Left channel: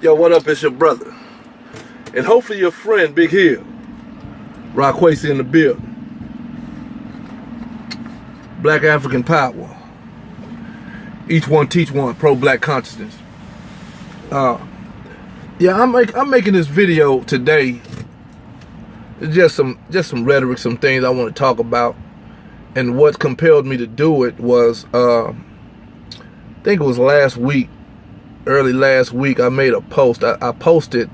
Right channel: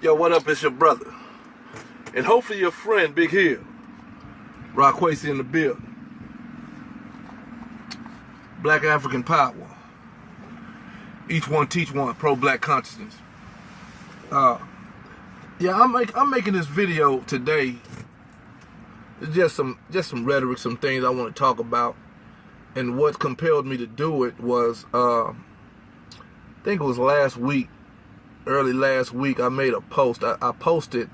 Yo, what up? It's your brother. And hopefully your friend, Big Hill. Rockwacey in the building. Black African Power. Each one teach one. Pro-black consciousness. Yeah, I'm making this video today. It's just some rhetoric, some things I want to talk about. And what compelled me to do it was, I think it was last week, early last week, I made a post. I posted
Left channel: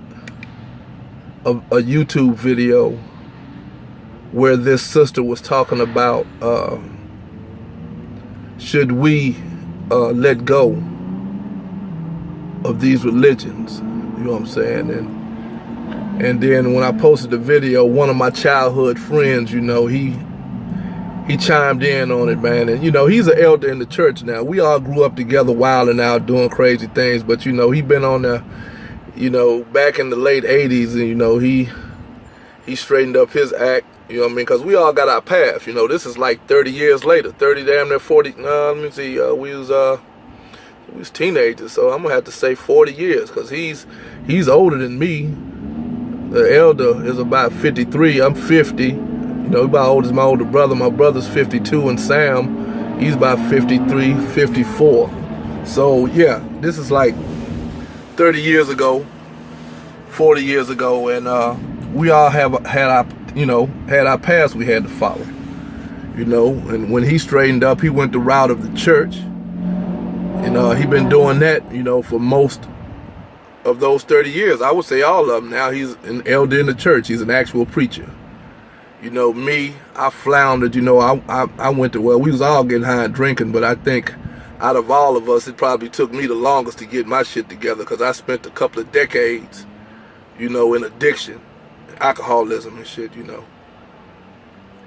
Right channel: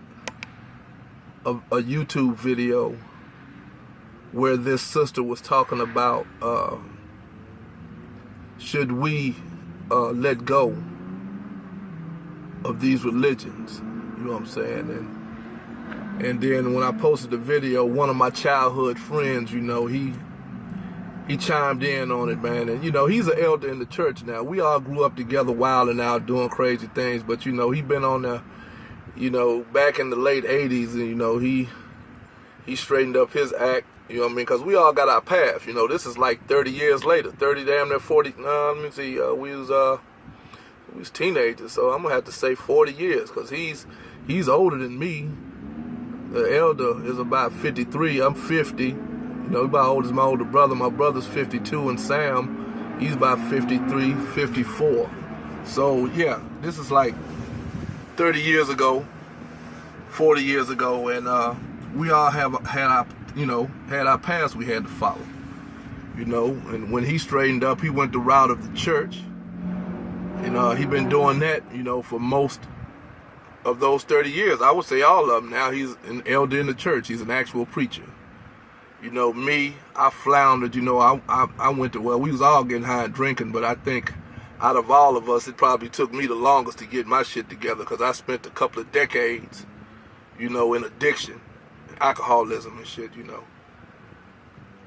a YouTube video where this sister was talking about should we let go of these religions, you know what I'm saying? And then when I posted the video, one of my childhood friends, you know, he chimed in on it, man. And, you know, he's an elder in the church now. We all grew up together, wilding out, doing crazy things. But, you know, he been on there, you know, back in the late 80s. And, you know, he straightened up his act, you know what I mean? Because we all got our path. You know, this is like 30 years later. 30, damn near 40. No, let me see. We was teenagers. So I'm going to have to say 40 years because he's older than me. The elder is about 53. I'm 50. You know, about old as my older brother. My brother's 52, and Sam, he's about 53, 54. So yeah, this is like 30 years ago, 40 years ago, and we all had our past we had to follow. You know, and when he straightened up, he went the route of the church, and he been doing that, you know, for most of those 30 years. I would say all of them. Now he's an elder in the church. He's an actual preacher. You know, me, I floundered, you know, I went to, well, we was all getting high and drinking, but I think out of all of us, it probably took me the longest to get my shit together because I spent a couple of decades, you know, in addiction, alcoholism and shit, you know.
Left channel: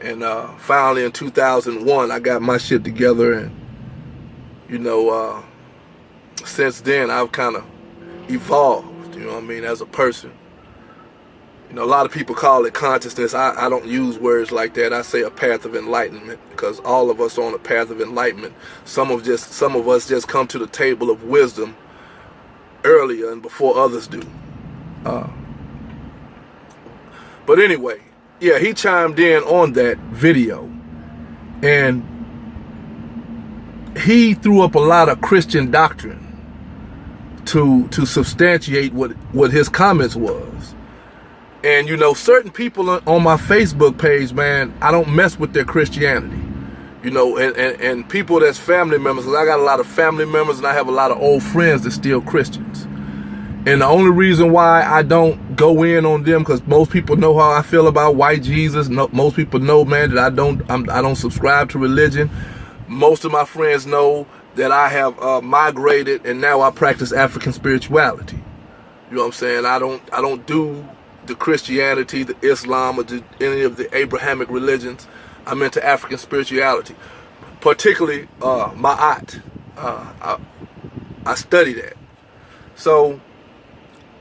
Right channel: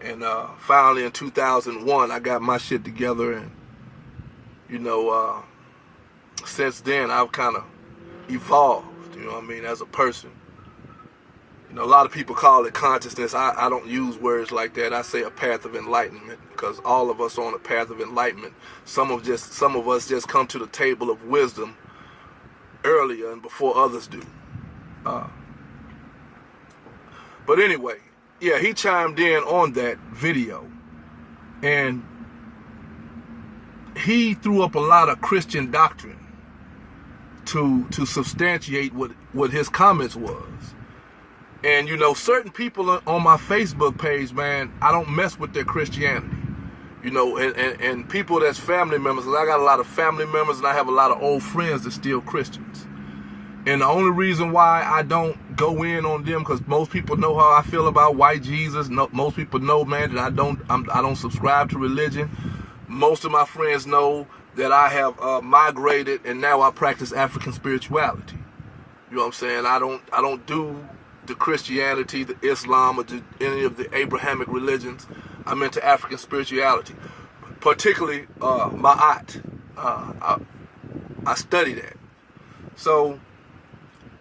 And finally in 2001, I got my shit together, and, you know, since then, I've kind of evolved, you know what I mean, as a person. You know, a lot of people call it consciousness. I don't use words like that. I say a path of enlightenment because all of us are on a path of enlightenment. Some of us just come to the table of wisdom earlier and before others do. But anyway, yeah, he chimed in on that video, and he threw up a lot of Christian doctrine to substantiate what his comments was. And, you know, certain people on my Facebook page, man, I don't mess with their Christianity. You know, and people that's family members, because I got a lot of family members and I have a lot of old friends that's still Christians. And the only reason why I don't go in on them, because most people know how I feel about white Jesus. Most people know, man, that I don't subscribe to religion. Most of my friends know that I have migrated and now I practice African spirituality. You know what I'm saying? I don't do the Christianity, the Islam, or any of the Abrahamic religions. I'm into African spirituality, particularly Ma'at. I study that. So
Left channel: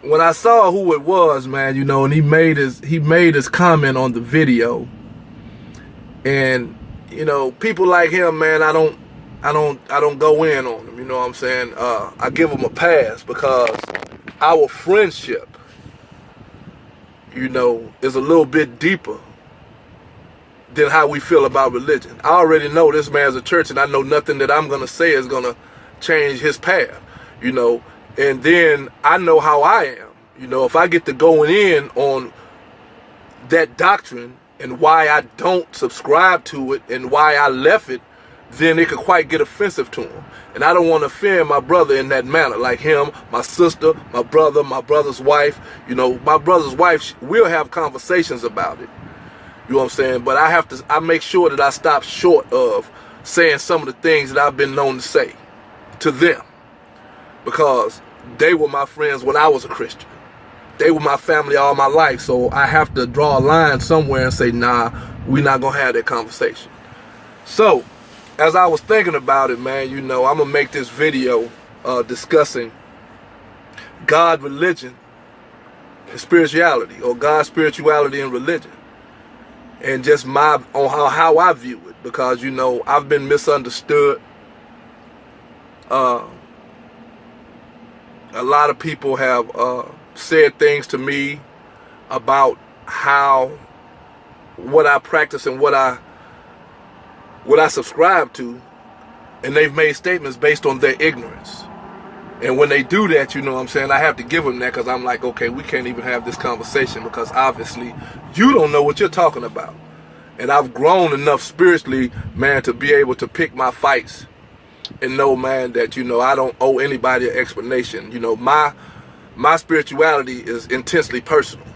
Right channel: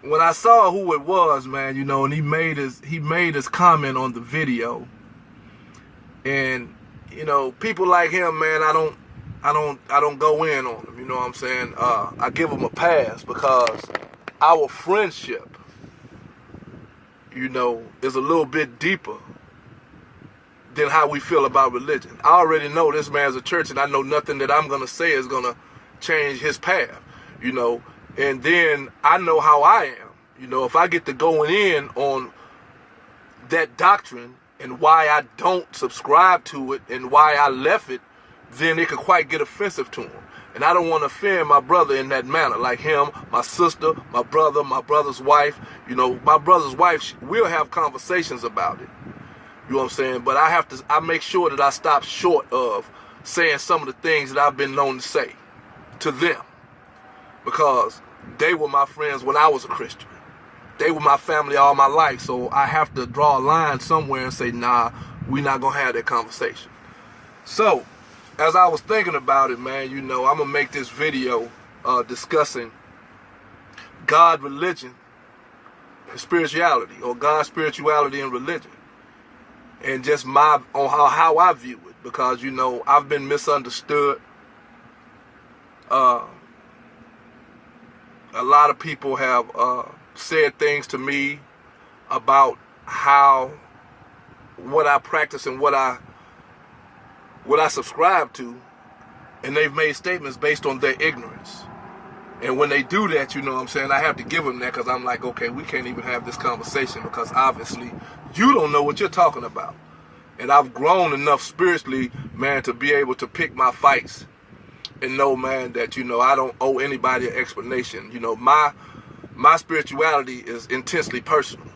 when I saw who it was, man, you know, and he made his comment on the video, and you know, people like him, man, I don't go in on them. You know what I'm saying? I give them a pass because our friendship, you know, is a little bit deeper than how we feel about religion. I already know this man's a church, and I know nothing that I'm going to say is going to change his path, you know. And then I know how I am. You know, if I get to going in on that doctrine and why I don't subscribe to it and why I left it, then it could quite get offensive to him. And I don't want to offend my brother in that manner, like him, my sister, my brother's wife. You know, my brother's wife, we'll have conversations about it. You know what I'm saying? But I make sure that I stop short of saying some of the things that I've been known to say to them. Because they were my friends when I was a Christian. They were my family all my life. So I have to draw a line somewhere and say, nah, we're not going to have that conversation. So as I was thinking about it, man, you know, I'm going to make this video discussing God, religion, and spirituality, or God, spirituality, and religion. And just on how I view it. Because, you know, I've been misunderstood. A lot of people have said things to me about what I practice and what I subscribe to, and they've made statements based on their ignorance. And when they do that, you know what I'm saying, I have to give them that, because I'm like, okay, we can't even have this conversation because obviously you don't know what you're talking about. And I've grown enough spiritually, man, to be able to pick my fights and know, man, that, you know, I don't owe anybody an explanation. You know, my spirituality is intensely personal.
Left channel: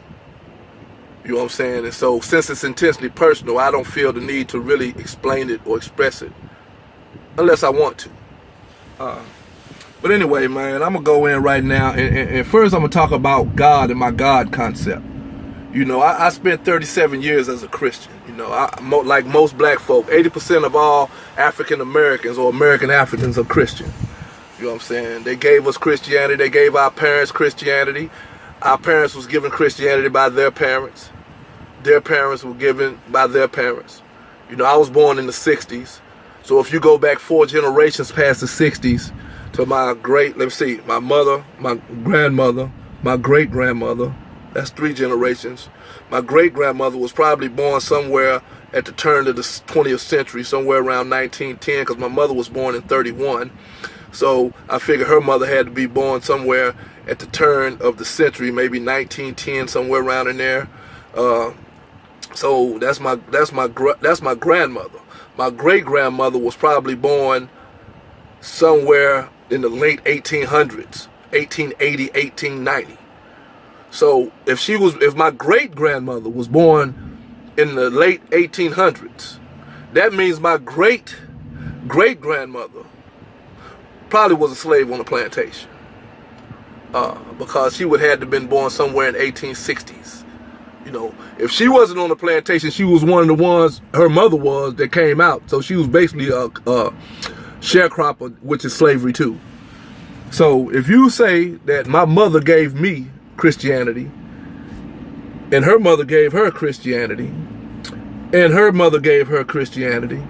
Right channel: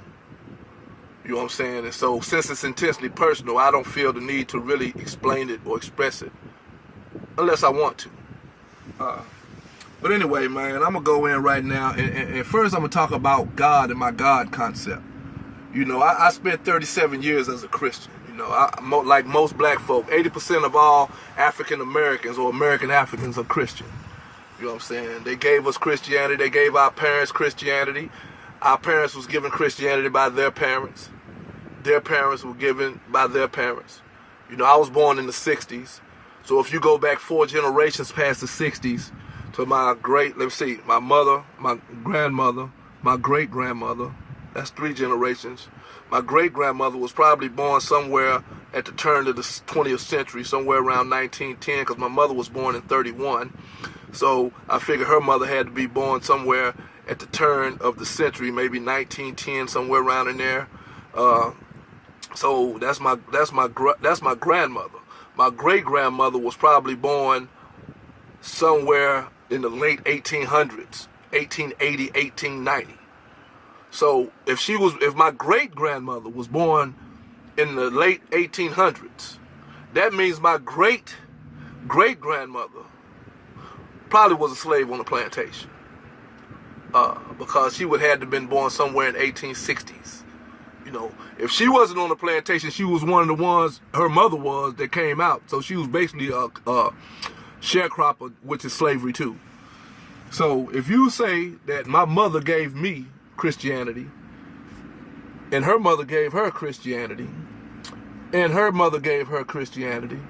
You know what I'm saying? And so since it's intensely personal, I don't feel the need to really explain it or express it unless I want to. But anyway, man, I'm going to go in right now. And first I'm going to talk about God and my God concept. You know, I spent 37 years as a Christian. You know, like most black folk, 80% of all African Americans or American Africans are Christian. You know what I'm saying? They gave us Christianity. They gave our parents Christianity. Our parents was given Christianity by their parents. Their parents were given by their parents. You know, I was born in the 60s. So if you go back 4 generations past the 60s to my my mother, my grandmother, my great-grandmother, that's 3 generations. My great-grandmother was probably born somewhere at the turn of the 20th century, somewhere around 1910, because my mother was born in 31. So I figure her mother had to be born somewhere at the turn of the century, maybe 1910, somewhere around in there. So that's my grandmother. My great-grandmother was probably born somewhere in the late 1800s, 1880, 1890. So if my great-grandmother was born in the late 1800s, that means my great-great-grandmother probably was a slave on a plantation, because she would have had to have been born somewhere in the 1860s. You know, if she wasn't on the plantation, she was one of the ones, her mother was, that came out. So she was basically a sharecropper, which is slavery too. So if you say that my mother gave me Christianity, and her mother gave her Christianity, and her mother gave her Christianity,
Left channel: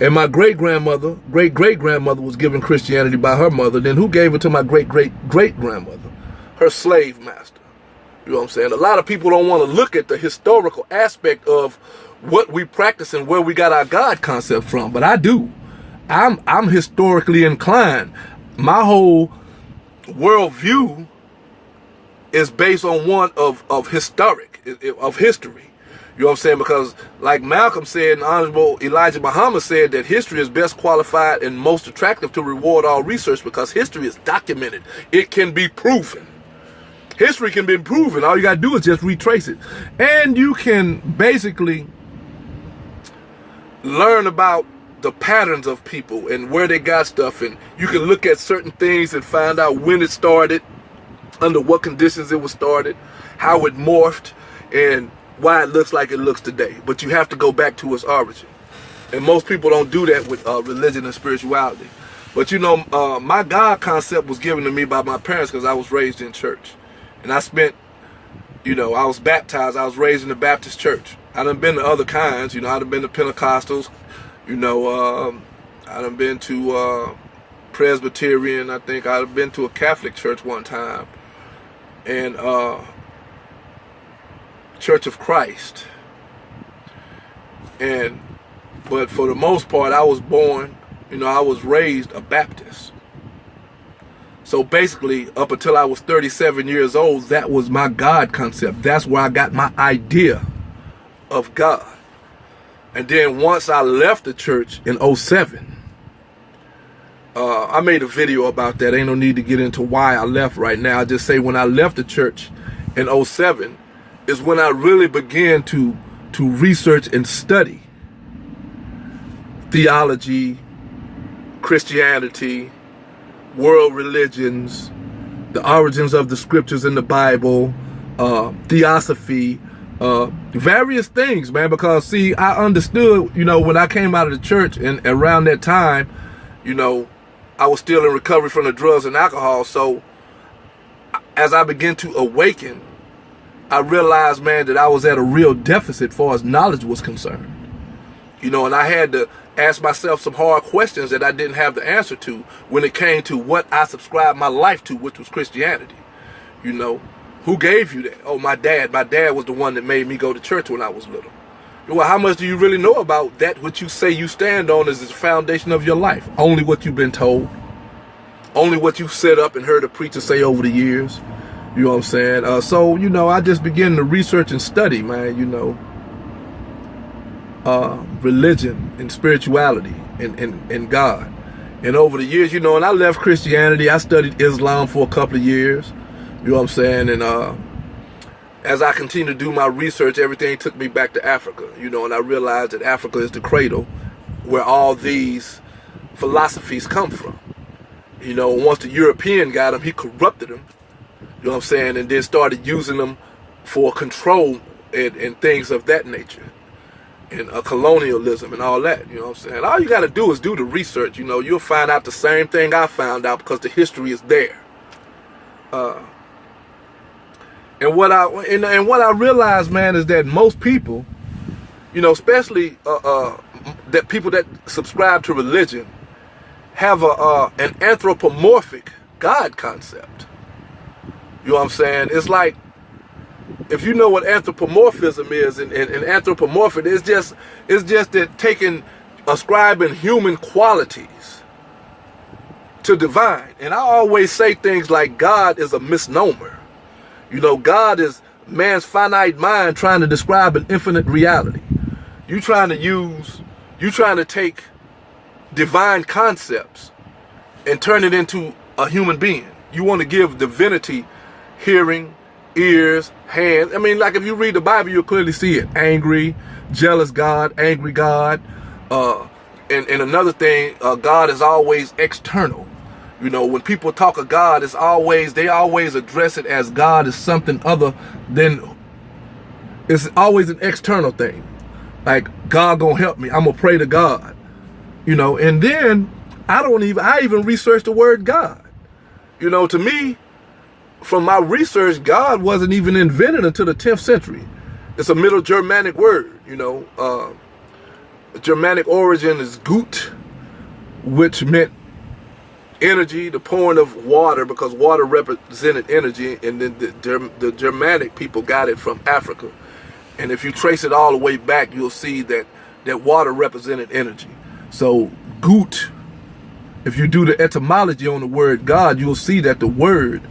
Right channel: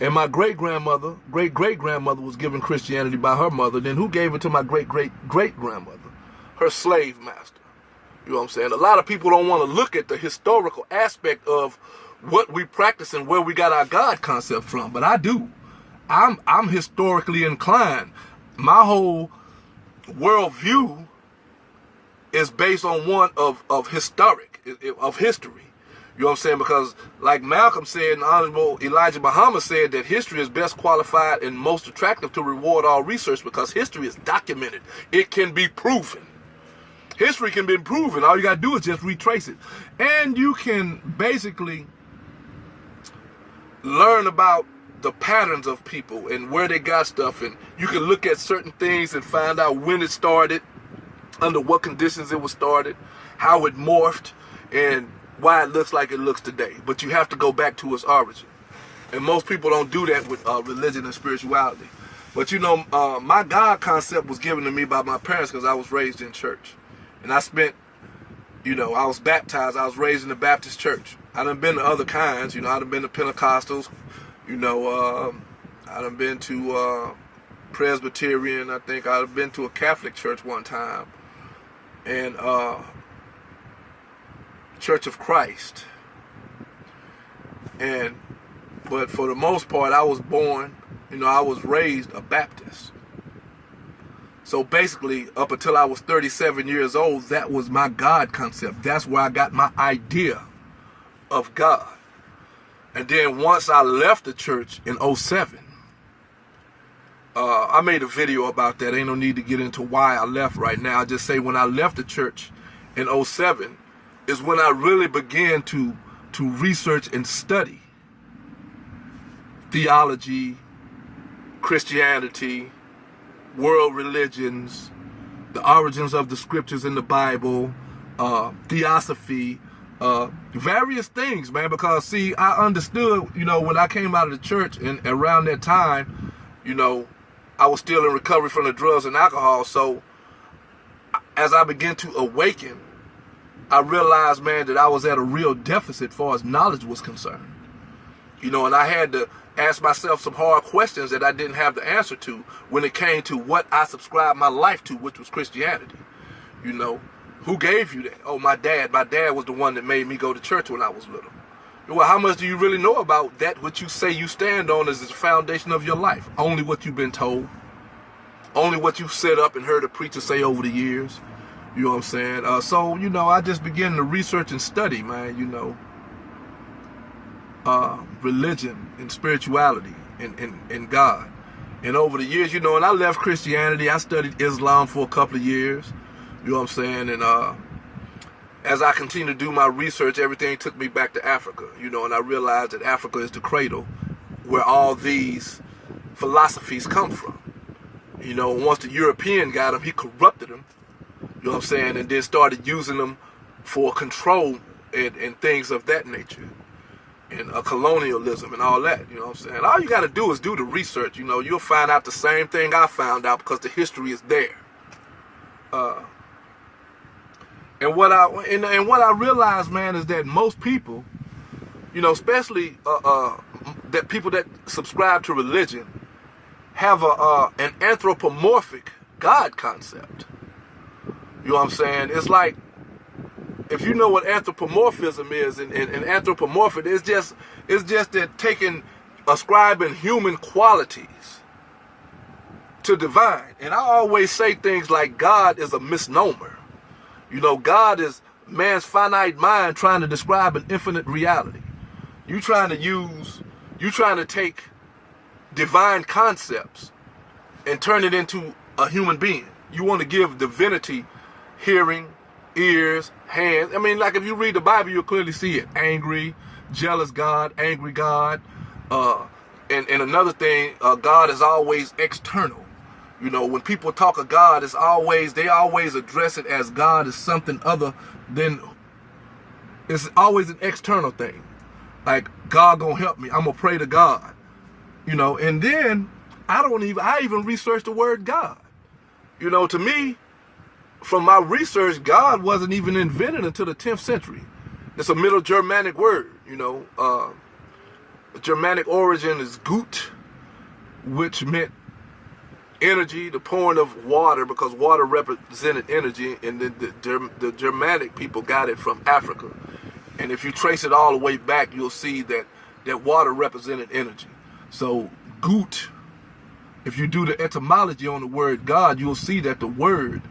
and my great-grandmother, great-great-grandmother was given Christianity by her mother, then who gave it to my great-great-great-grandmother? Her slave master. You know what I'm saying? A lot of people don't want to look at the historical aspect of what we practice and where we got our God concept from, but I do. I'm historically inclined. My whole worldview is based on one of history. You know what I'm saying? Because like Malcolm said, and Honorable Elijah Muhammad said, that history is best qualified and most attractive to reward all research because history is documented. It can be proven. History can be proven. All you got to do is just retrace it. And you can basically learn about the patterns of people and where they got stuff. And you can look at certain things and find out when it started, under what conditions it was started, how it morphed, and why it looks like it looks today. But you have to go back to its origin. And most people don't do that with religion and spirituality. But you know, my God concept was given to me by my parents because I was raised in church. And I spent, you know, I was baptized. I was raised in the Baptist church. I done been to other kinds. You know, I done been to Pentecostals. You know, I done been to Presbyterian. I think I've been to a Catholic church one time. And Church of Christ. But for the most part, I was born, you know, I was raised a Baptist. So basically, up until I was 37 years old, that was my God concept. That's where I got my idea of God. And then once I left the church in 07, I made a video about that. Ain't no need to get into why I left right now. I just say when I left the church in 07 is when I really began to research and study theology, Christianity, world religions, the origins of the scriptures in the Bible, theosophy, various things, man. Because see, I understood, you know, when I came out of the church and around that time, you know, I was still in recovery from the drugs and alcohol. So as I began to awaken, I realized, man, that I was at a real deficit as far as knowledge was concerned. You know, and I had to asked myself some hard questions that I didn't have the answer to when it came to what I subscribed my life to, which was Christianity. You know, who gave you that? Oh, my dad. My dad was the one that made me go to church when I was little. Well, how much do you really know about that what you say you stand on as the foundation of your life? Only what you've been told. Only what you've set up and heard a preacher say over the years. You know what I'm saying? So, you know, I just began to research and study, man, you know, religion and spirituality and God. And over the years, you know, and I left Christianity. I studied Islam for a couple of years. You know what I'm saying? And as I continued to do my research, everything took me back to Africa, you know, and I realized that Africa is the cradle where all these philosophies come from. You know, once the European got them, he corrupted them, you know what I'm saying, and then started using them for control and things of that nature, and colonialism and all that, you know what I'm saying. All you got to do is do the research, you know, you'll find out the same thing I found out because the history is there. And what I realized, man, is that most people, you know, especially that people that subscribe to religion, have an anthropomorphic God concept. You know what I'm saying? It's like, if you know what anthropomorphism is, and anthropomorphic, it's just that ascribing human qualities to divine. And I always say things like God is a misnomer. You know, God is man's finite mind trying to describe an infinite reality. You trying to take divine concepts and turn it into a human being. You want to give divinity hearing, ears, hands. I mean, like if you read the Bible, you'll clearly see it. Angry, jealous God, angry God. And another thing, God is always external. You know, when people talk of God, they always address it as God is something other than, it's always an external thing. Like, God gonna help me, I'm gonna pray to God. You know, and then I even researched the word God. You know, to me, from my research, God wasn't even invented until the 10th century. It's a Middle Germanic word, you know. Germanic origin is gut, which meant energy, the pouring of water, because water represented energy, and then the Germanic people got it from Africa. And if you trace it all the way back, you'll see that water represented energy. So gut, if you do the etymology on the word God, you'll see that the word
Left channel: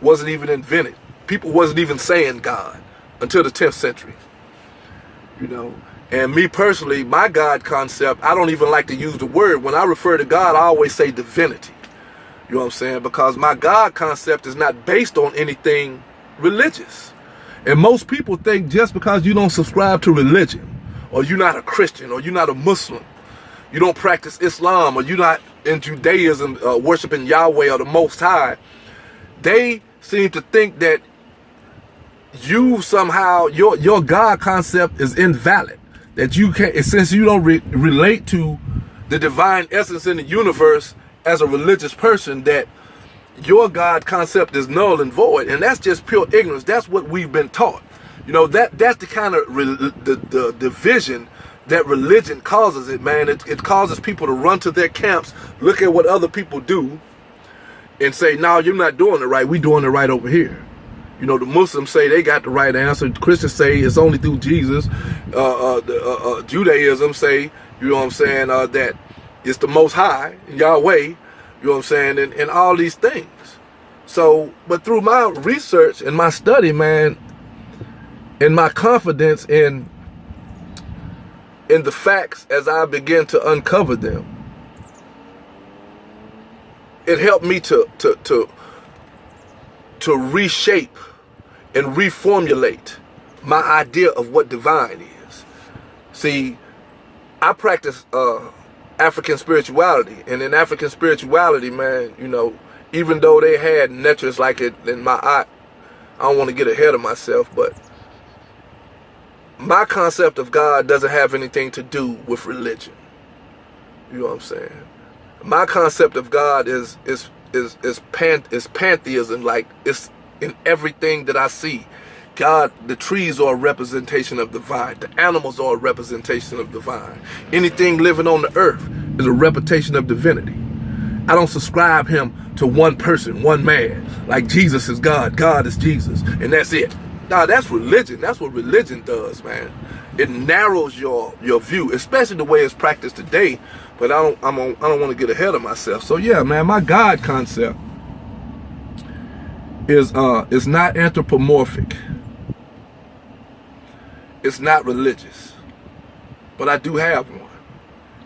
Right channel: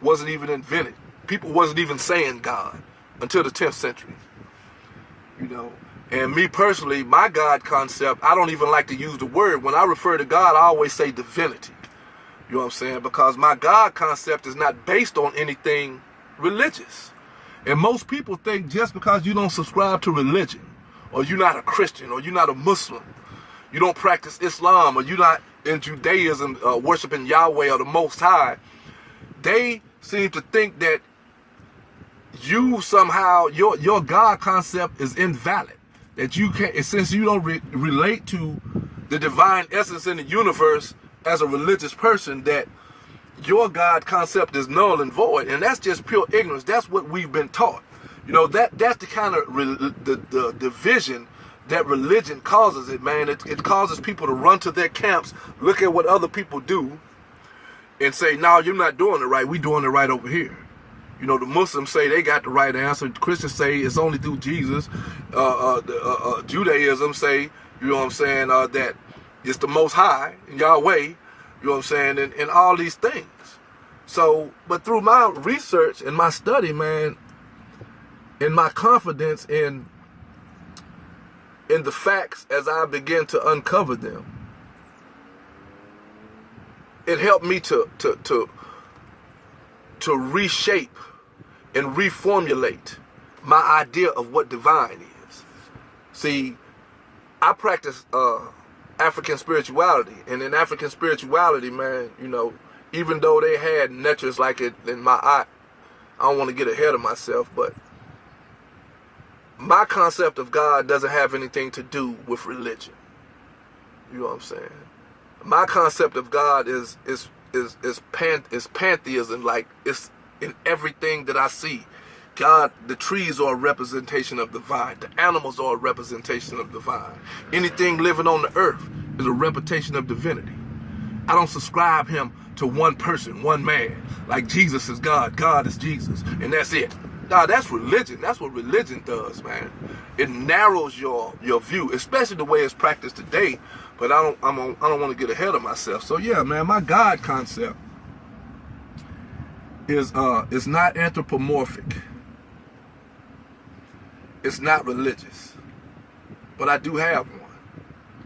wasn't even invented. People wasn't even saying God until the 10th century. You know, and me personally, my God concept, I don't even like to use the word. When I refer to God, I always say divinity. You know what I'm saying? Because my God concept is not based on anything religious. And most people think just because you don't subscribe to religion, or you're not a Christian, or you're not a Muslim, you don't practice Islam, or you're not in Judaism worshiping Yahweh or the Most High, they seem to think that you somehow, your God concept is invalid. That you can't, since you don't relate to the divine essence in the universe as a religious person, that your God concept is null and void. And that's just pure ignorance. That's what we've been taught. You know, that's the kind of the division that religion causes it, man. It causes people to run to their camps, look at what other people do, and say, no, you're not doing it right. We're doing it right over here. You know, the Muslims say they got the right answer. The Christians say it's only through Jesus. Judaism say, you know what I'm saying, that it's the Most High, Yahweh, you know what I'm saying, and all these things. So, but through my research and my study, man, and my confidence in the facts as I begin to uncover them, it helped me to reshape and reformulate my idea of what divine is. See, I practice African spirituality, and in African spirituality, man, you know, even though they had natures like it in I don't want to get ahead of myself, but my concept of God doesn't have anything to do with religion. You know what I'm saying? My concept of God is pantheism. Like, it's in everything that I see. God, the trees are a representation of the vine. The animals are a representation of the vine. Anything living on the earth is a representation of divinity. I don't subscribe him to one person, one man. Like Jesus is God, God is Jesus, and that's it. Nah, that's religion. That's what religion does, man. It narrows your view, especially the way it's practiced today. But I don't want to get ahead of myself. So yeah, man, my God concept is not anthropomorphic. It's not religious, but I do have one.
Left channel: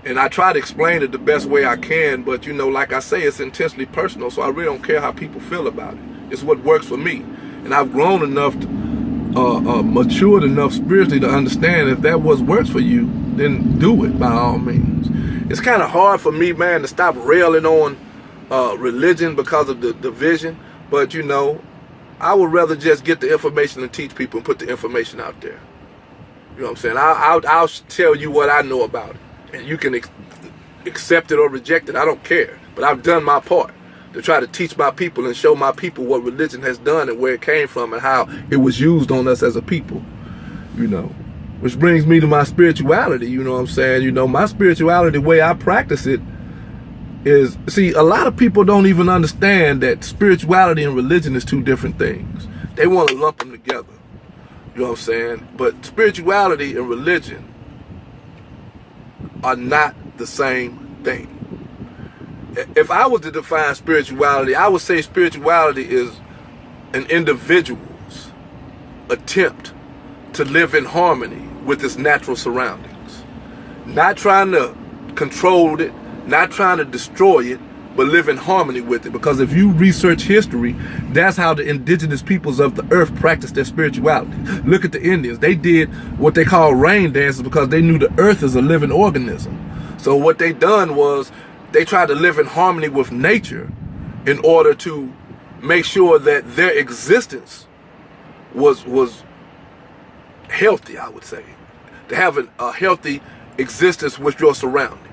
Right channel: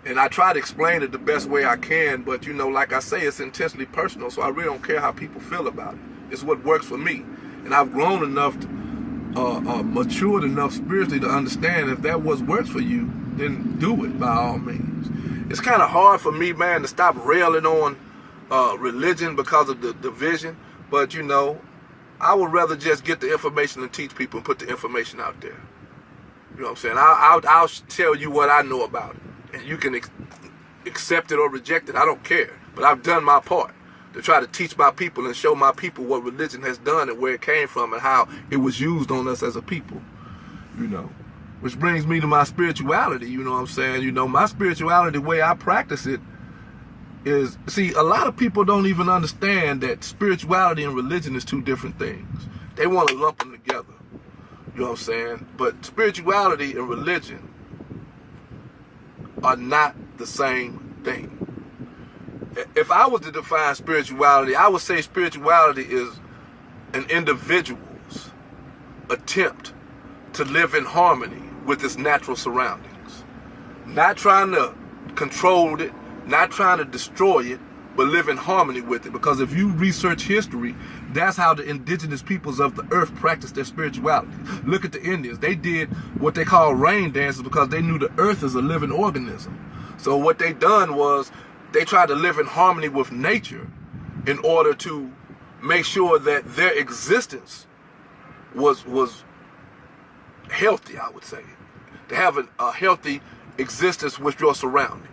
And I try to explain it the best way I can, but like I say, it's intensely personal, so I really don't care how people feel about it. It's what works for me. And I've grown enough, matured enough spiritually to understand if that what works for you, then do it by all means. It's kind of hard for me, man, to stop railing on religion because of the division, but I would rather just get the information and teach people and put the information out there. You know what I'm saying? I'll tell you what I know about it. And you can accept it or reject it. I don't care. But I've done my part to try to teach my people and show my people what religion has done and where it came from and how it was used on us as a people. Which brings me to my spirituality. You know what I'm saying? My spirituality, the way I practice it is, see, a lot of people don't even understand that spirituality and religion is two different things. They want to lump them together. You know what I'm saying? But spirituality and religion are not the same thing. If I was to define spirituality, I would say spirituality is an individual's attempt to live in harmony with its natural surroundings. Not trying to control it, not trying to destroy it, but live in harmony with it. Because if you research history, that's how the indigenous peoples of the earth practiced their spirituality. Look at the Indians. They did what they call rain dances because they knew the earth is a living organism. So what they done was they tried to live in harmony with nature in order to make sure that their existence was healthy, I would say. To have a healthy existence with your surroundings.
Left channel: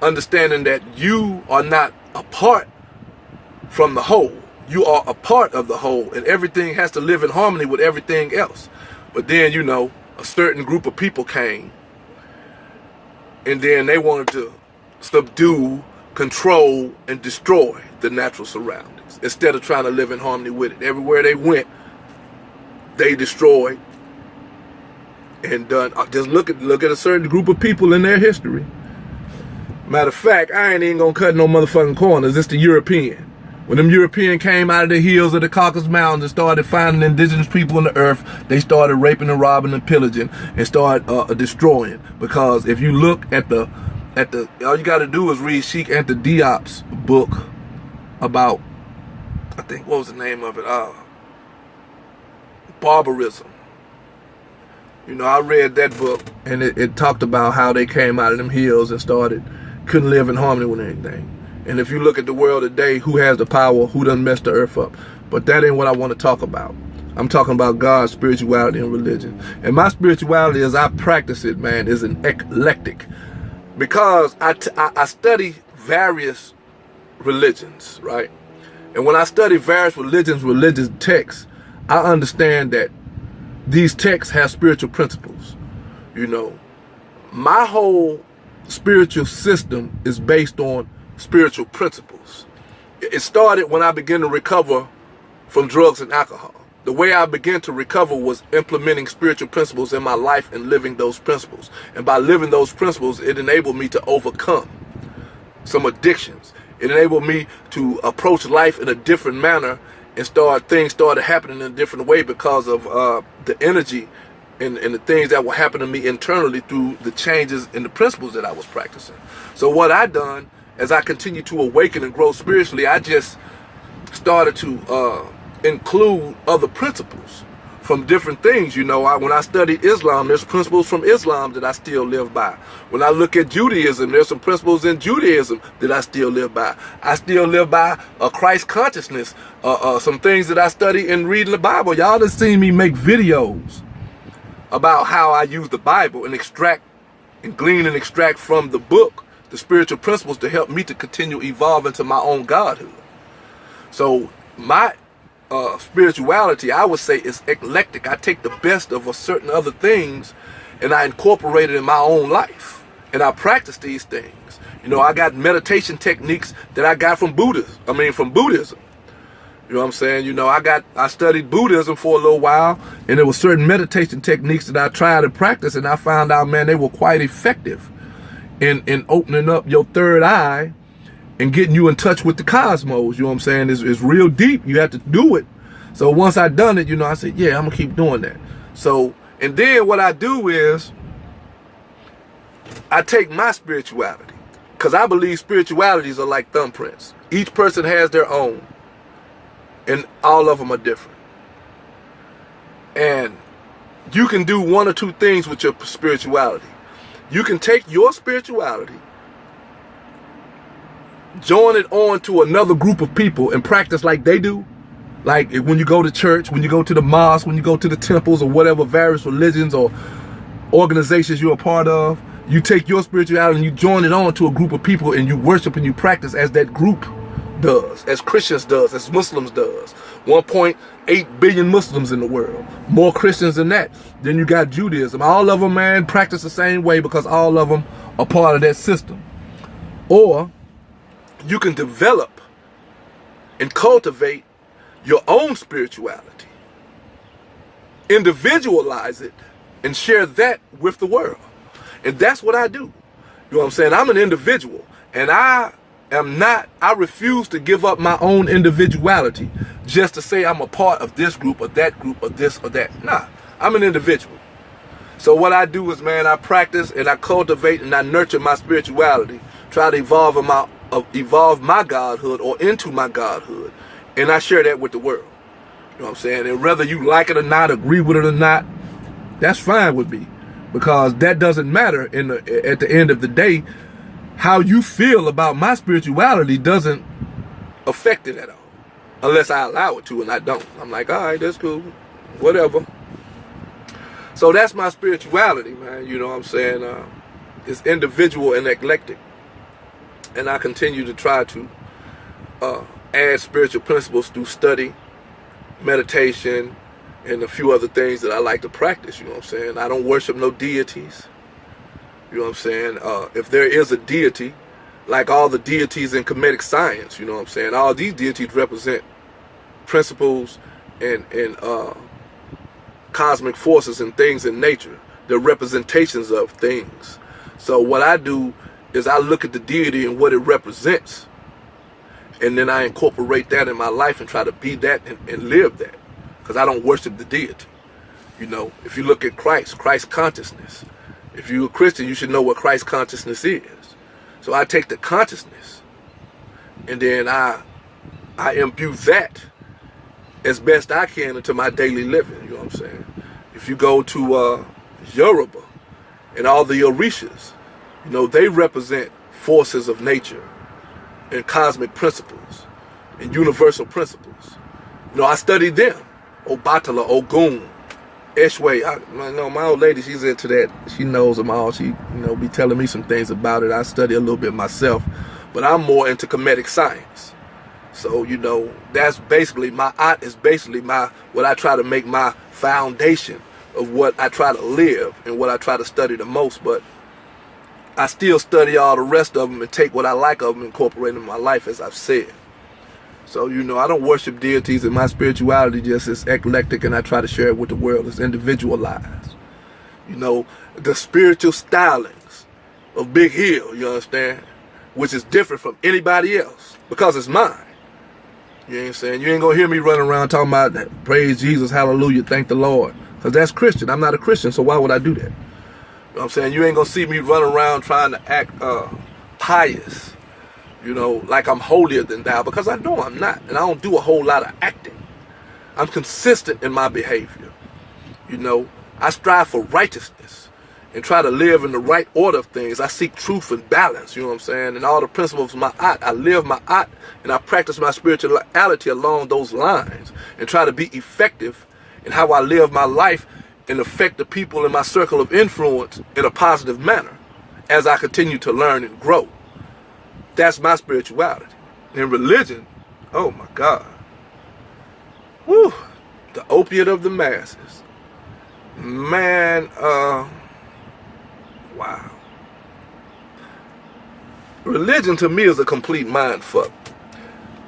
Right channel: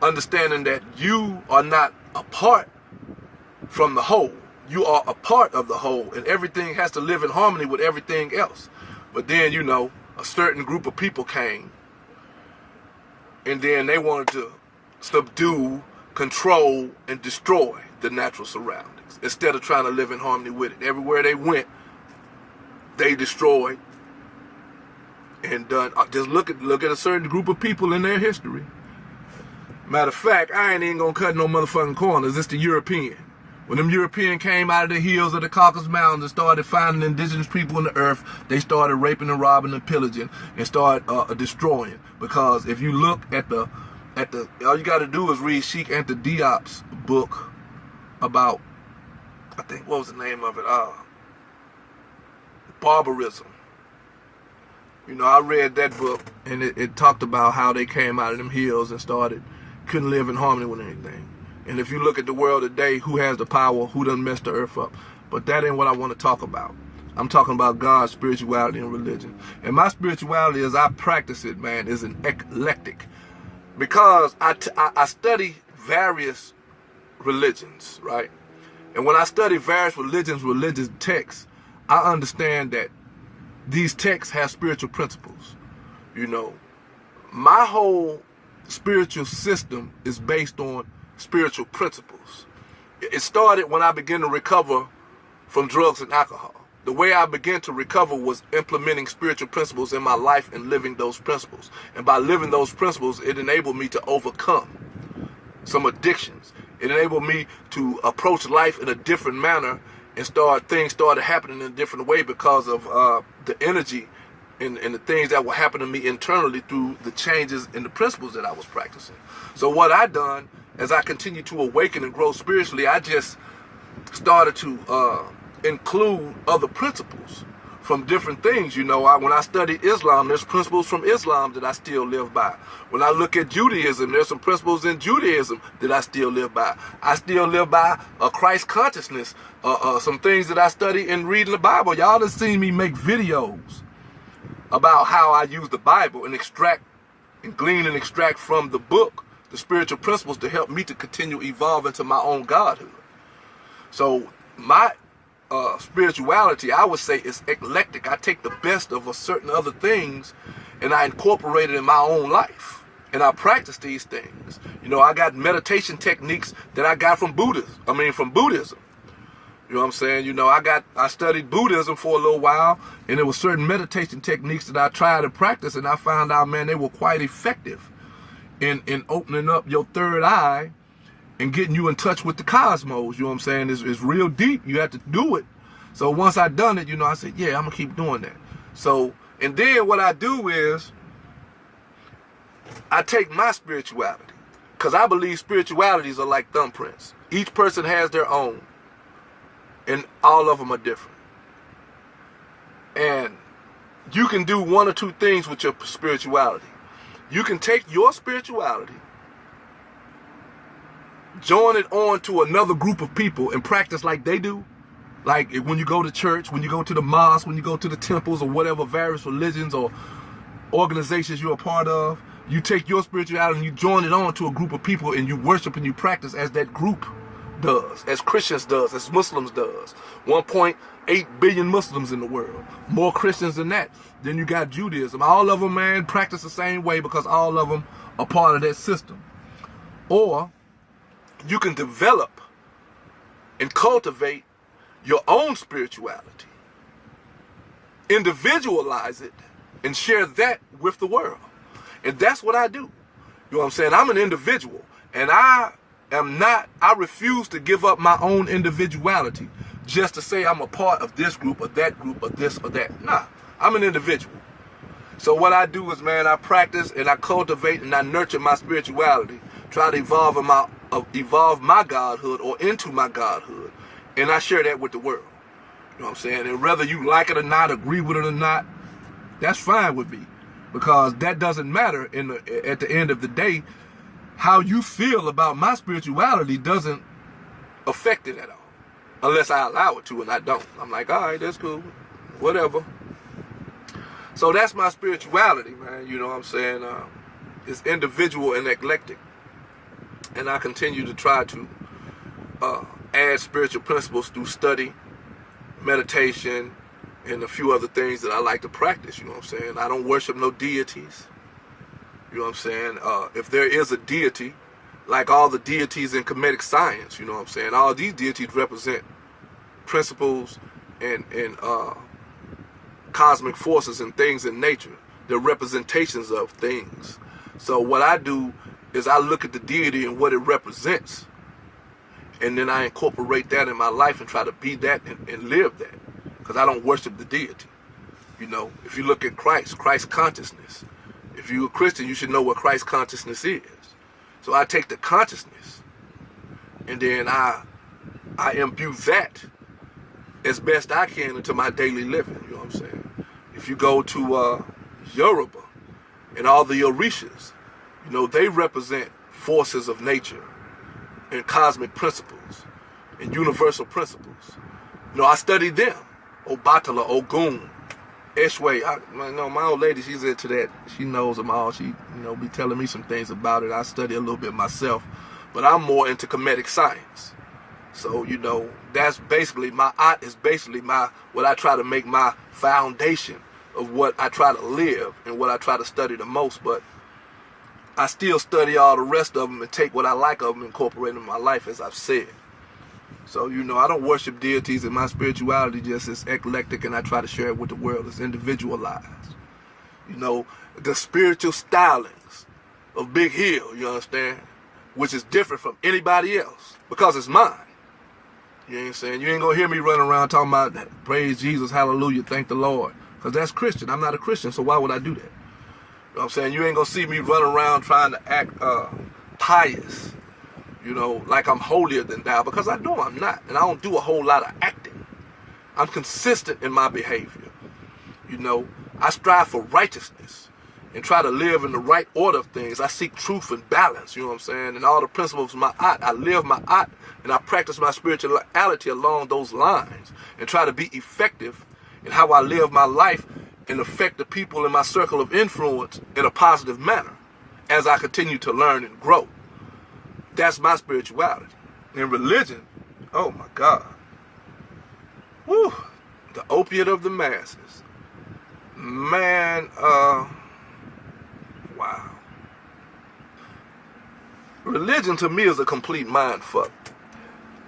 Understanding that you are not apart from the whole. You are a part of the whole, and everything has to live in harmony with everything else. But then, a certain group of people came, and then they wanted to subdue, control, and destroy the natural surroundings instead of trying to live in harmony with it. Everywhere they went, they destroyed and done. Just look at a certain group of people in their history. Matter of fact, I ain't even gonna cut no motherfucking corners. It's the European. When them European came out of the hills of the Caucasus Mountains and started finding indigenous people on the earth, they started raping and robbing and pillaging and started destroying. Because if you look at the all you gotta do is read Sheikh Anta Diop's book about, I think, what was the name of it? Barbarism. I read that book, and it talked about how they came out of them hills and couldn't live in harmony with anything. And if you look at the world today, who has the power, who done messed the earth up? But that ain't what I want to talk about. I'm talking about God's spirituality and religion. And my spirituality, as I practice it, man, is an eclectic. Because I study various religions, right? And when I study various religious texts, I understand that these texts have spiritual principles. My whole spiritual system is based on spiritual principles. It started when I began to recover from drugs and alcohol. The way I began to recover was implementing spiritual principles in my life and living those principles. And by living those principles, it enabled me to overcome some addictions. It enabled me to approach life in a different manner, and things started happening in a different way because of the energy and the things that were happening to me internally through the changes in the principles that I was practicing. So what I done, as I continued to awaken and grow spiritually, I just started to include other principles from different things. When I studied Islam, there's principles from Islam that I still live by. When I look at Judaism, there's some principles in Judaism that I still live by. I still live by Christ consciousness, some things that I study in reading the Bible. Y'all have seen me make videos about how I use the Bible and glean and extract from the book the spiritual principles to help me to continue evolving to my own godhood. So my spirituality, I would say, is eclectic. I take the best of a certain other things and I incorporate it in my own life. And I practice these things. You know, I got meditation techniques that I got from Buddhism. You know what I'm saying? You know, I studied Buddhism for a little while, and there were certain meditation techniques that I tried to practice, and I found out, man, they were quite effective in opening up your third eye and getting you in touch with the cosmos. You know what I'm saying? It's real deep. You have to do it. So once I done it, you know, I said, yeah, I'm gonna keep doing that. So, and then what I do is I take my spirituality, because I believe spiritualities are like thumbprints. Each person has their own, and all of them are different. And you can do one or two things with your spirituality. You can take your spirituality, join it on to another group of people and practice like they do. Like when you go to church, when you go to the mosque, when you go to the temples or whatever various religions or organizations you're a part of, you take your spirituality and you join it on to a group of people and you worship and you practice as that group does, as Christians does, as Muslims does. 1.8 billion Muslims in the world. More Christians than that. Then you got Judaism. All of them, man, practice the same way because all of them are part of that system. Or you can develop and cultivate your own spirituality, individualize it, and share that with the world. And that's what I do. You know what I'm saying? I'm an individual, and I refuse to give up my own individuality just to say I'm a part of this group or that group or this or that. Nah, I'm an individual. So what I do is, man, I practice and I cultivate and I nurture my spirituality, try to evolve my godhood or into my godhood, and I share that with the world. You know what I'm saying? And whether you like it or not, agree with it or not, that's fine with me, because that doesn't matter at the end of the day. How you feel about my spirituality doesn't affect it at all, unless I allow it to, and I don't. I'm like, all right, that's cool, whatever. So that's my spirituality, man. You know what I'm saying? It's individual and eclectic. And I continue to try to add spiritual principles through study, meditation, and a few other things that I like to practice. You know what I'm saying? I don't worship no deities. You know what I'm saying? If there is a deity, like all the deities in Kemetic science, you know what I'm saying? All these deities represent principles and cosmic forces and things in nature. They're representations of things. So what I do is I look at the deity and what it represents, and then I incorporate that in my life and try to be that and live that, because I don't worship the deity. You know, if you look at Christ consciousness, if you're a Christian, you should know what Christ consciousness is. So I take the consciousness and then I imbue that as best I can into my daily living. You know what I'm saying? If you go to Yoruba and all the Orishas, you know, they represent forces of nature and cosmic principles and universal principles. You know, I studied them. Obatala, Ogun, Eshwe. My old lady, she's into that. She knows them all. She, be telling me some things about it. I study a little bit myself, but I'm more into Kemetic science. So, that's basically, my art is basically what I try to make my foundation of what I try to live and what I try to study the most. But I still study all the rest of them and take what I like of them and incorporate them in my life, as I've said. So, I don't worship deities, and my spirituality just is eclectic, and I try to share it with the world. It's individualized. The spiritual stylings of Big Hill, you understand? Which is different from anybody else, because it's mine. You know what I'm saying? You ain't gonna hear me running around talking about that, praise Jesus, hallelujah, thank the Lord. Because that's Christian. I'm not a Christian, so why would I do that? You know what I'm saying? You ain't gonna see me running around trying to act pious, like I'm holier than thou, because I know I'm not. And I don't do a whole lot of acting. I'm consistent in my behavior. I strive for righteousness and try to live in the right order of things. I seek truth and balance, you know what I'm saying? And all the principles of my art, I live my art, and I practice my spirituality along those lines and try to be effective in how I live my life and affect the people in my circle of influence in a positive manner as I continue to learn and grow. That's my spirituality. In religion, oh my God. Whew, the opiate of the masses. Man, wow. Religion to me is a complete mind fuck.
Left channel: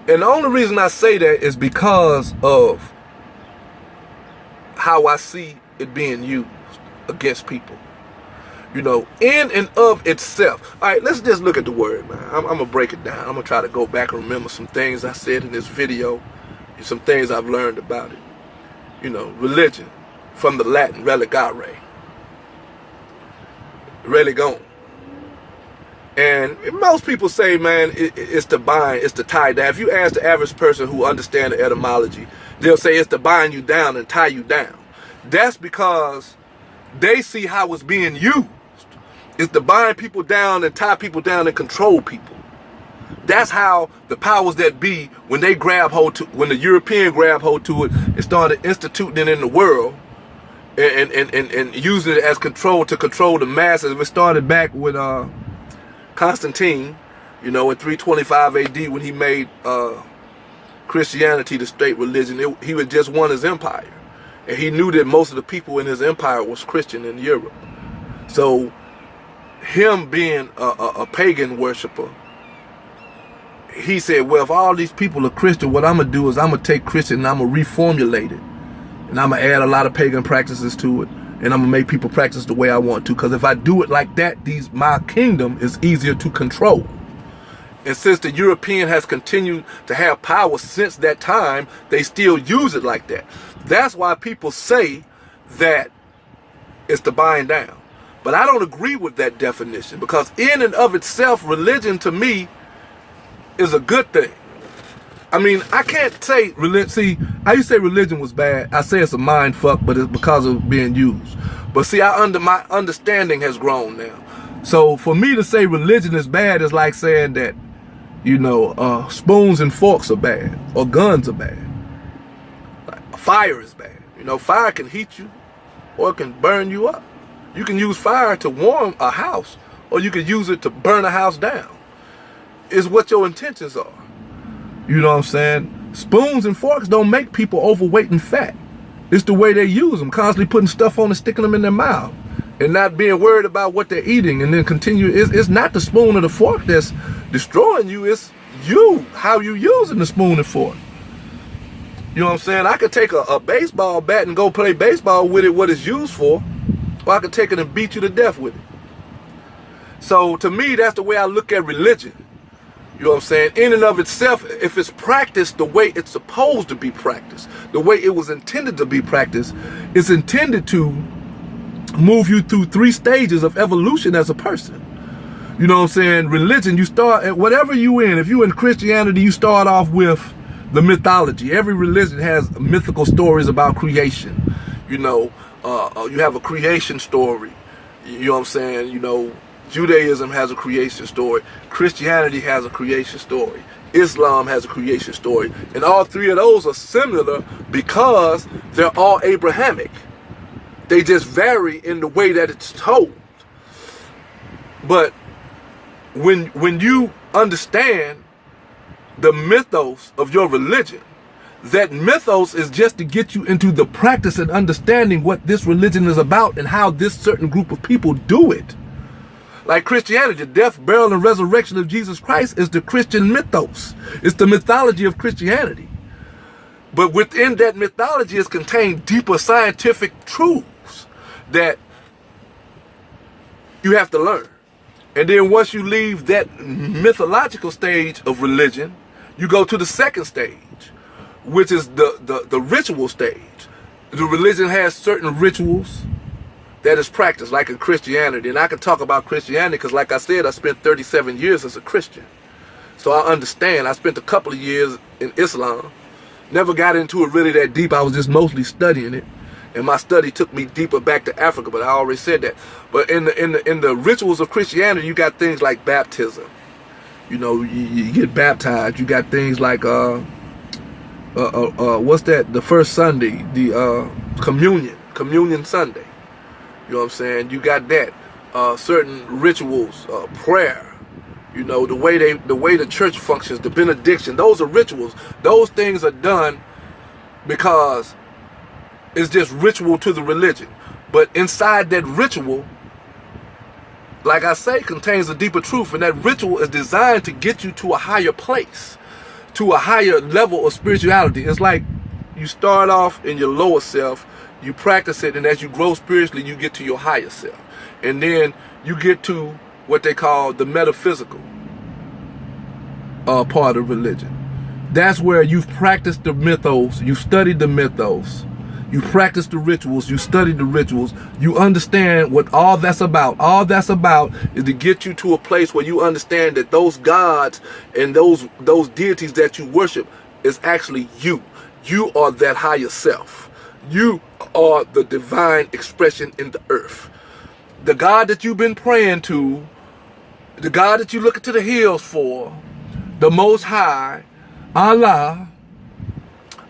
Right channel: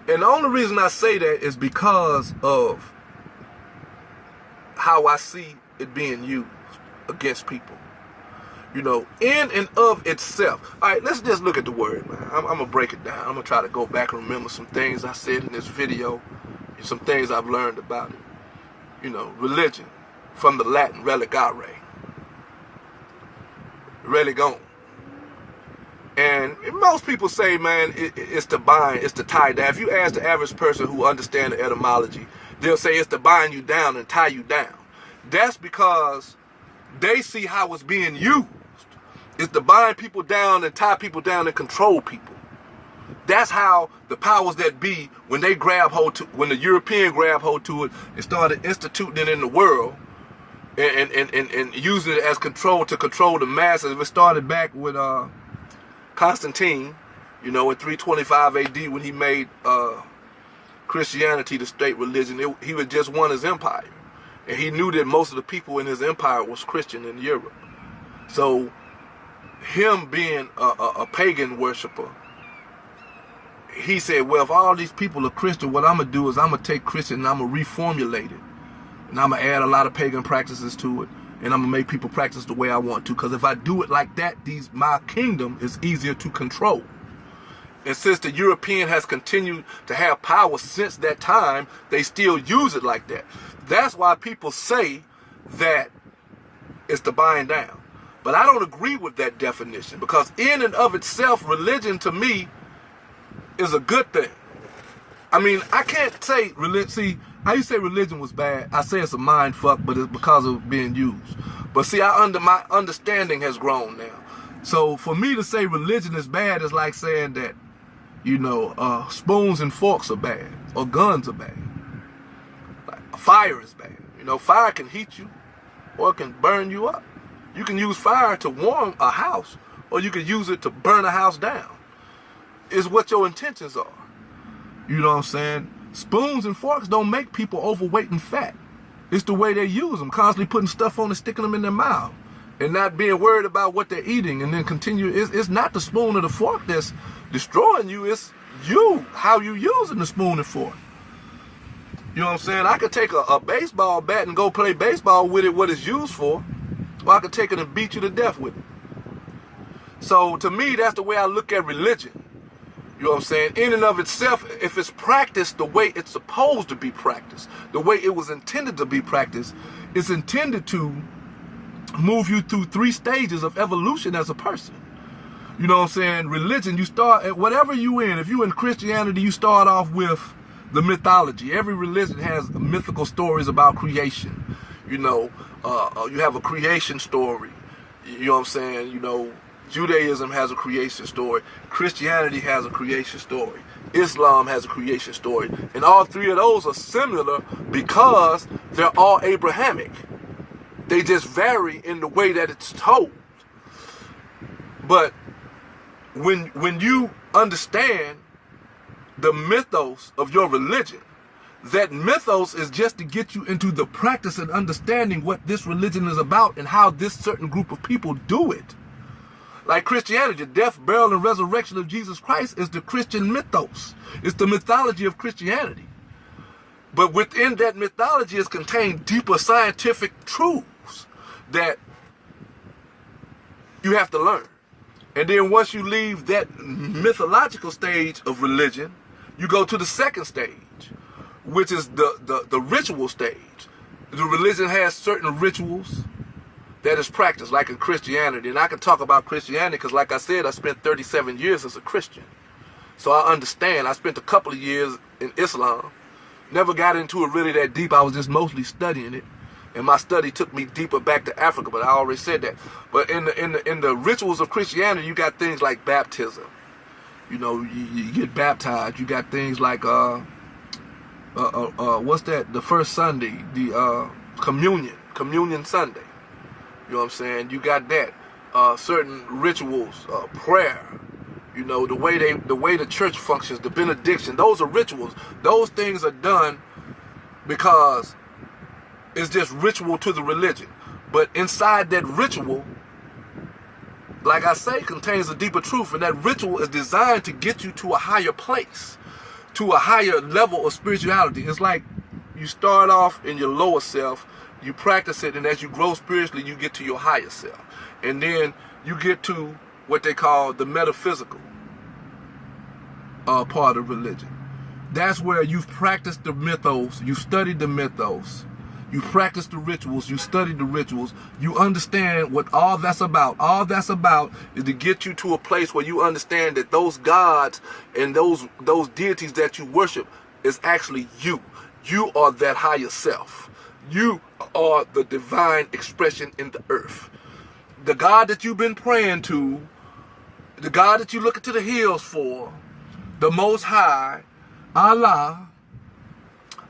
And the only reason I say that is because of how I see it being used against people. You know, in and of itself. All right, let's just look at the word, man. I'm going to break it down. I'm going to try to go back and remember some things I said in this video and some things I've learned about it. You know, religion, from the Latin, religare, religion. And most people say, man, it's to bind, it's to tie down. If you ask the average person who understands the etymology, they'll say it's to bind you down and tie you down. That's because they see how it's being used. It's to bind people down and tie people down and control people. That's how the powers that be, when they grab hold to, when the European grab hold to it and started instituting it in the world and using it as control to control the masses. It started back with Constantine, you know, in 325 AD when he made Christianity the state religion. He had just won his empire. And he knew that most of the people in his empire was Christian in Europe. So him being a pagan worshiper, he said, well, if all these people are Christian, what I'm going to do is I'm going to take Christian and I'm going to reformulate it. And I'm going to add a lot of pagan practices to it. And I'm going to make people practice the way I want to. Because if I do it like that, my kingdom is easier to control. And since the European has continued to have power since that time, they still use it like that. That's why people say that it's to bind down. But I don't agree with that definition, because in and of itself, religion to me is a good thing. I mean, I can't say religion. See, I used to say religion was bad. I say it's a mind fuck, but it's because of being used. But see, my understanding has grown now. So for me to say religion is bad is like saying that, you know, spoons and forks are bad, or guns are bad. Fire is bad. You know, fire can heat you or it can burn you up. You can use fire to warm a house, or you can use it to burn a house down. It's what your intentions are. You know what I'm saying? Spoons and forks don't make people overweight and fat. It's the way they use them, constantly putting stuff on and sticking them in their mouth and not being worried about what they're eating, and then continue. It's not the spoon or the fork that's destroying you. It's you, how you using the spoon and fork. You know what I'm saying? I could take a baseball bat and go play baseball with it, what it's used for, or I could take it and beat you to death with it. So to me, that's the way I look at religion. You know what I'm saying? In and of itself, if it's practiced the way it's supposed to be practiced, the way it was intended to be practiced, it's intended to move you through 3 stages of evolution as a person. You know what I'm saying? Religion, you start at whatever you in. If you in Christianity, you start off with the mythology. Every religion has mythical stories about creation. You know, you have a creation story. You know what I'm saying? You know, Judaism has a creation story. Christianity has a creation story. Islam has a creation story. And all 3 of those are similar because they're all Abrahamic. They just vary in the way that it's told. But when you understand the mythos of your religion, that mythos is just to get you into the practice and understanding what this religion is about and how this certain group of people do it. Like Christianity, the death, burial, and resurrection of Jesus Christ is the Christian mythos. It's the mythology of Christianity. But within that mythology is contained deeper scientific truths that you have to learn. And then once you leave that mythological stage of religion, you go to the second stage, which is the ritual stage. The religion has certain rituals that is practiced, like in Christianity. And I can talk about Christianity because, like I said, I spent 37 years as a Christian. So I understand. I spent a couple of years in Islam. Never got into it really that deep. I was just mostly studying it. And my study took me deeper back to Africa, but I already said that. But in the rituals of Christianity, you got things like baptism. You know, you get baptized. You got things like what's that? The first Sunday, the communion Sunday. You know what I'm saying? You got that. Certain rituals, prayer. You know, the way the church functions, the benediction. Those are rituals. Those things are done because it's just ritual to the religion. But inside that ritual, like I say, contains a deeper truth, and that ritual is designed to get you to a higher place, to a higher level of spirituality. It's like you start off in your lower self, you practice it, and as you grow spiritually, you get to your higher self. And then you get to what they call the metaphysical part of religion. That's where you've practiced the mythos, you've studied the mythos, you practice the rituals, you study the rituals, you understand what all that's about. All that's about is to get you to a place where you understand that those gods and those deities that you worship is actually you. You are that higher self. You are the divine expression in the earth. The God that you've been praying to, the God that you look to the hills for, the Most High, Allah,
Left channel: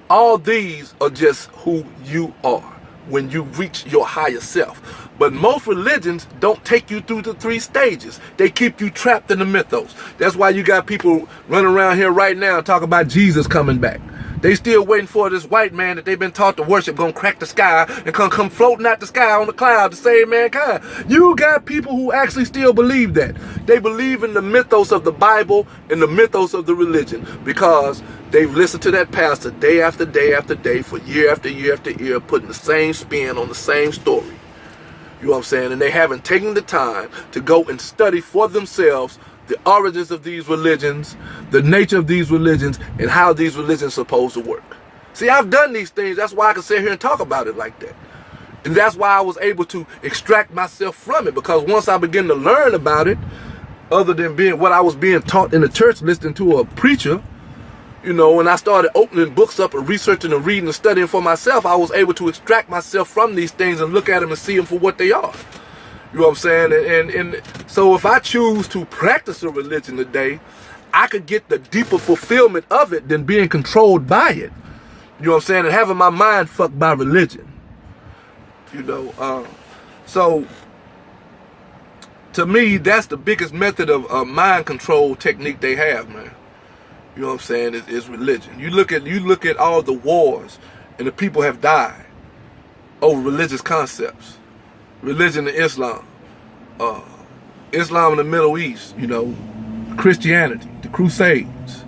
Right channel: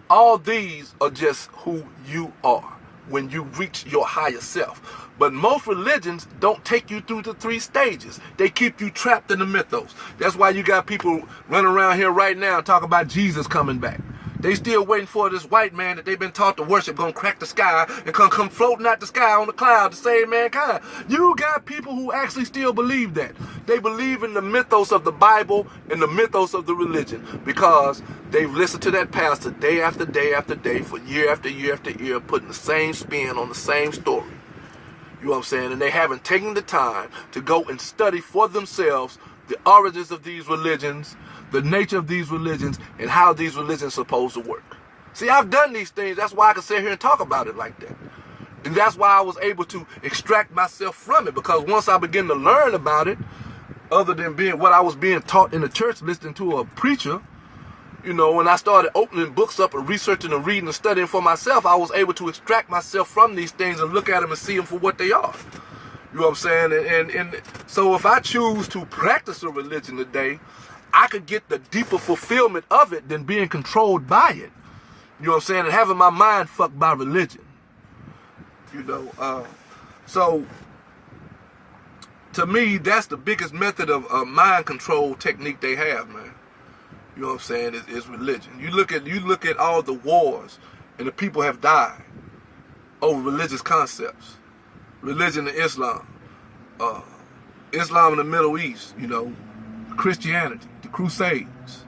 all these are just who you are when you reach your higher self. But most religions don't take you through the 3 stages. They keep you trapped in the mythos. That's why you got people running around here right now talking about Jesus coming back. They still waiting for this white man that they've been taught to worship gonna crack the sky and come floating out the sky on the cloud to save mankind. You got people who actually still believe that. They believe in the mythos of the Bible and the mythos of the religion because they've listened to that pastor day after day after day for year after year after year, putting the same spin on the same story. You know what I'm saying? And they haven't taken the time to go and study for themselves the origins of these religions, the nature of these religions, and how these religions are supposed to work. See, I've done these things. That's why I can sit here and talk about it like that. And that's why I was able to extract myself from it, because once I began to learn about it, other than being what I was being taught in the church, listening to a preacher, you know, when I started opening books up and researching and reading and studying for myself, I was able to extract myself from these things and look at them and see them for what they are. You know what I'm saying? And so if I choose to practice a religion today, I could get the deeper fulfillment of it than being controlled by it. You know what I'm saying? And having my mind fucked by religion. You know, so to me, that's the biggest method of mind control technique they have, man. You know what I'm saying? Is religion. You look at all the wars and the people have died over religious concepts. Religion in Islam, Islam in the Middle East, you know, Christianity, the Crusades,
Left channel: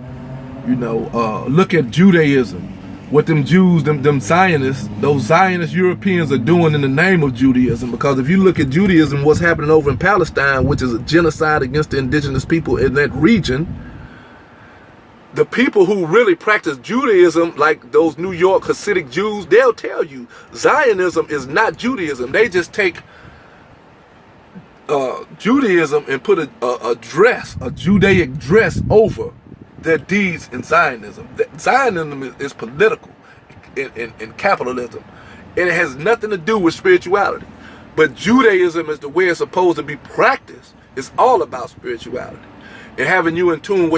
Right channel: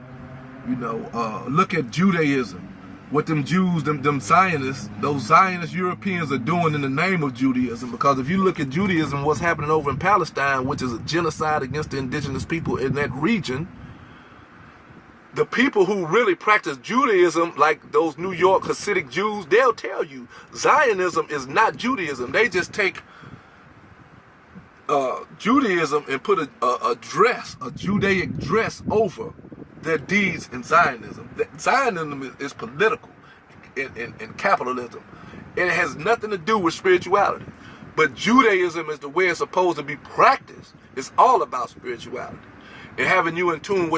you know, look at Judaism, what them Jews, them Zionists, those Zionist Europeans are doing in the name of Judaism. Because if you look at Judaism, what's happening over in Palestine, which is a genocide against the indigenous people in that region, the people who really practice Judaism, like those New York Hasidic Jews, they'll tell you Zionism is not Judaism. They just take Judaism and put a dress, a Judaic dress over their deeds in Zionism. Zionism is political in capitalism, and it has nothing to do with spirituality. But Judaism is the way it's supposed to be practiced. It's all about spirituality and having you in tune with